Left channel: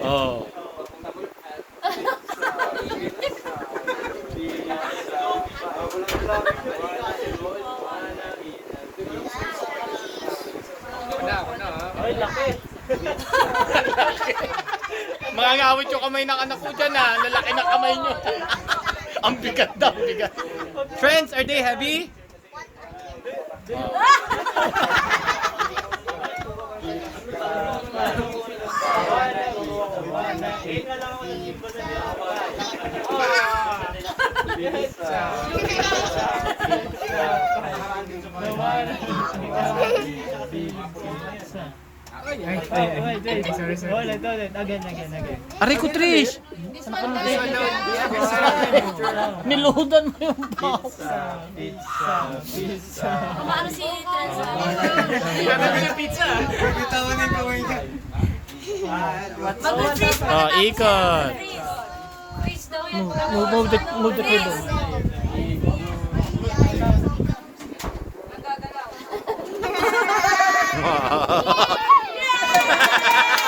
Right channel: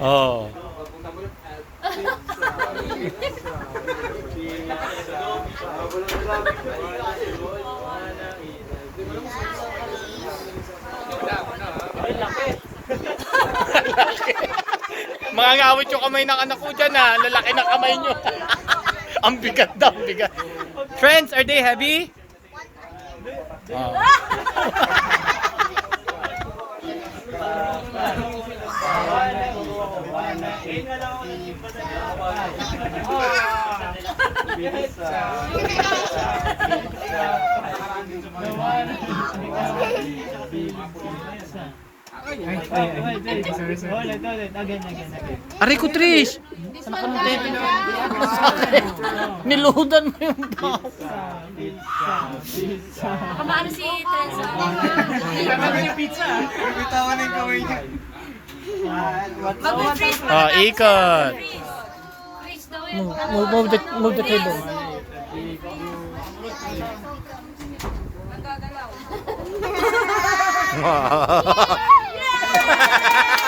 Oh. Mga ngawit yung kamay ng anak ko dyan ha. Lalaki ng kamay nyo. Ang bigat daw, bigat. Friends, are they heavy? Oh. Aray ko, Trish! Niluhudan mo yung box. Kamaano si Trenza? Bitawan ng kamay niya. Mag-freeze mo. Oh, ikot. Freeze daw yan. Move the table. Magagalaw.